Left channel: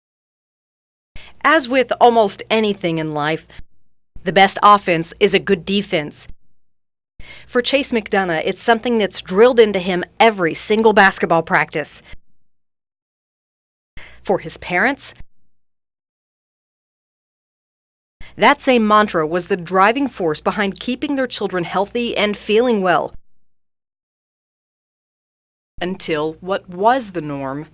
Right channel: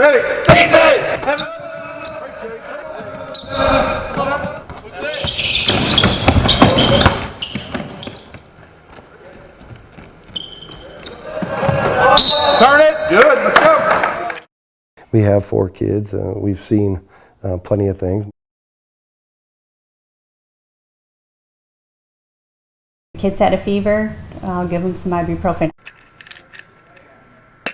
Ready. Defense! As with almost anything in life, the best offense is a good defense. For Chase McDonough, it's something that's drilled into him every single basketball practice. Turn it. Good. Let's go. For his parents, we have 4 kids. We've seen plenty of things. That same mantra was the driving force behind keeping their children healthy and feeling well. Kids had a fever, I'll give them some ibuprofen. Until what was the norm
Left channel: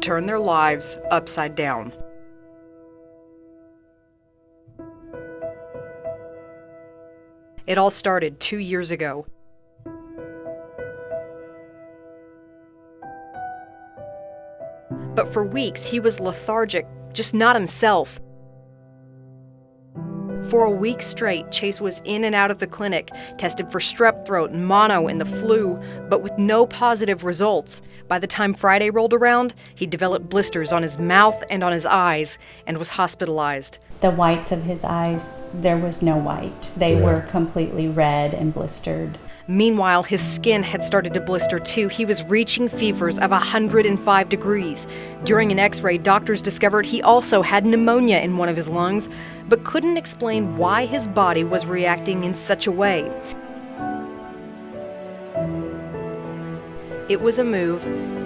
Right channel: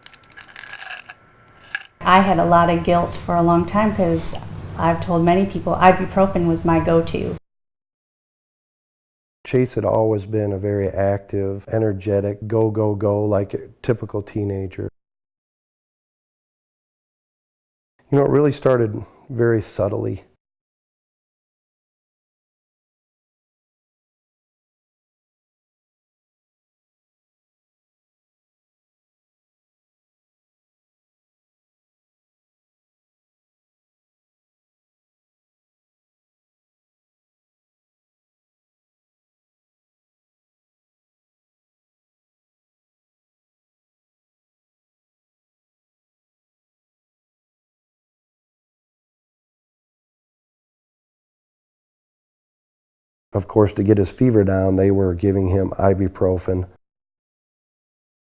turned their lives upside down. I had a lot of guilt for a long time because I've told many people ibuprofen was my go-to. It all started 2 years ago. Chase had always been a very active, energetic, go, go, go, like a typical teenager. But for weeks, he was lethargic, just not himself. You know, it really started very subtly. For a week straight, Chase was in and out of the clinic, tested for strep throat, mono, and the flu, but with no positive results. By the time Friday rolled around, he developed blisters on his mouth and on his eyes and was hospitalized. The whites of his eyes, there was no white. They were completely red and blistered. Meanwhile, his skin had started to blister too. He was reaching fevers of 105 degrees. During an x-ray, doctors discovered he also had pneumonia in one of his lungs, but couldn't explain why his body was reacting in such a way. Of course, to get his fever down, they were giving him ibuprofen. It was a move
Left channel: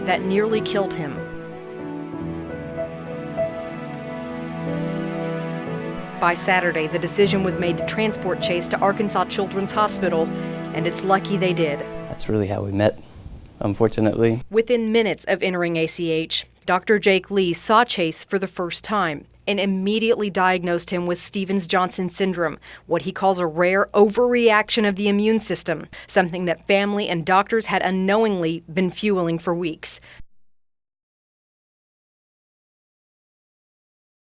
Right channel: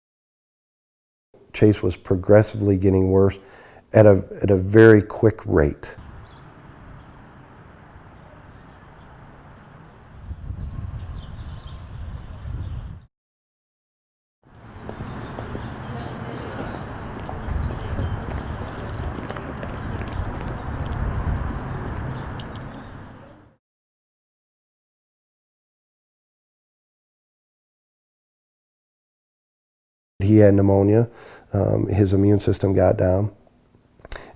that nearly killed him. Chase was progressively getting worse at a very quick rate. By Saturday, the decision was made to transport Chase to Arkansas Children's Hospital, and it's lucky they did. That's really how we met, unfortunately. Within minutes of entering ACH, Dr. Jake Lee saw Chase for the first time and immediately diagnosed him with Stevens-Johnson syndrome, what he calls a rare overreaction of the immune system, something that family and doctors had unknowingly been fueling for weeks. He had pneumonia, his immune system got down,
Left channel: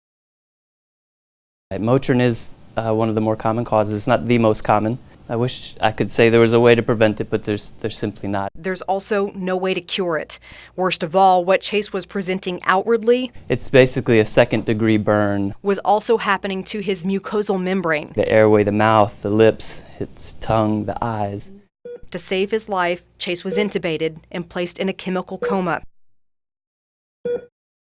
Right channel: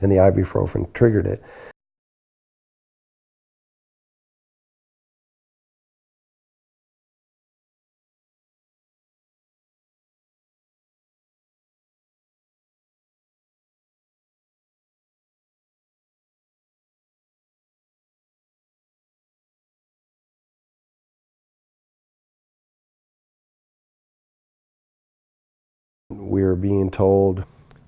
and the ibuprofen triggered it. Motrin is one of the more common causes. It's not the most common. I wish I could say there was a way to prevent it, but there's simply not. There's also no way to cure it. Worst of all, what Chase was presenting outwardly, it's basically a second-degree burn, was also happening to his mucosal membrane. the airway, the mouth, the lips, his tongue, the eyes. To save his life, Chase was intubated and placed in a chemical coma. We were being told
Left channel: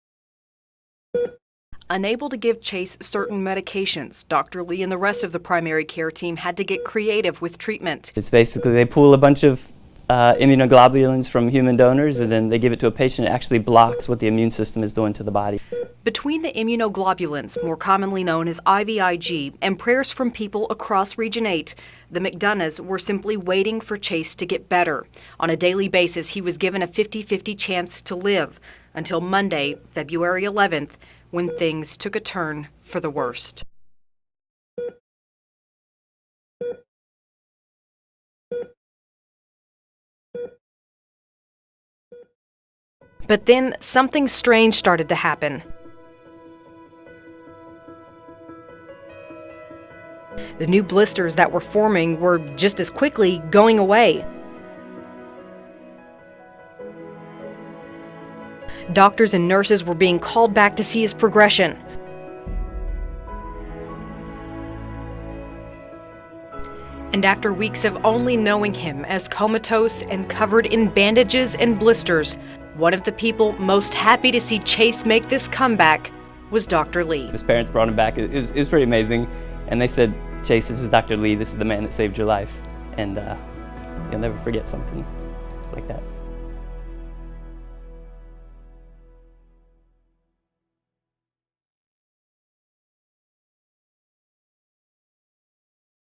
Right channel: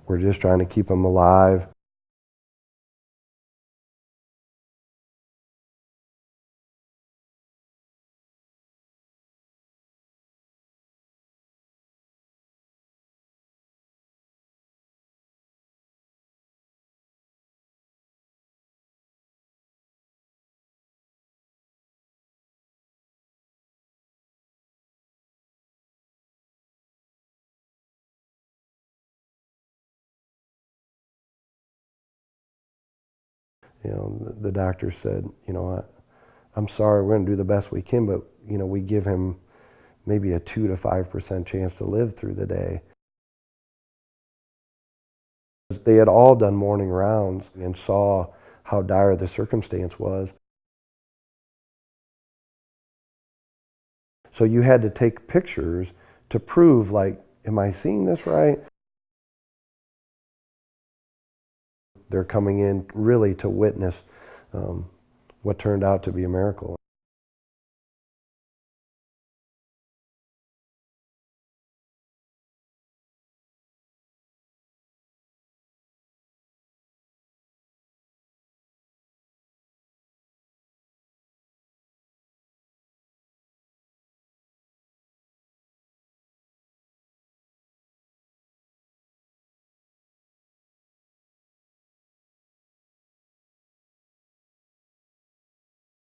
we're just trying to keep him alive. Unable to give Chase certain medications, Dr. Lee and the rest of the primary care team had to get creative with treatment. It's basically they pull a bunch of immunoglobulins from human donors and then they give it to a patient. It actually blocks what the immune system is doing to the body. Between the immunoglobulins, more commonly known as IVIG, and prayers from people across Region 8, the McDonoughs were simply waiting for Chase to get better. On a daily basis, he was given a 50-50 chance to live until Monday, February 11th, when things took a turn for the worst. You know, the doctor said, you know, I'm sorry, we're going to do the best we can, but, you know, we give him maybe a 2 to 5% chance to live through the day. But then something strange started to happen. They had all done morning rounds and saw how dire the circumstance was. The new blisters that were forming were just as quickly going away. So you had to take pictures to prove, like, am I seeing this right? Doctors and nurses were being called back to see his progression. They're coming in really to witness what turned out to be a miracle. And after weeks of only knowing him as comatose and covered in bandages and blisters, one of the people most happy to see Chase make this comeback was Dr. Lee. His parents brought him back. It was pretty amazing. And they said, Chase, this is Dr. Lee. This is the man that saved your life. And you'll never forget something like that.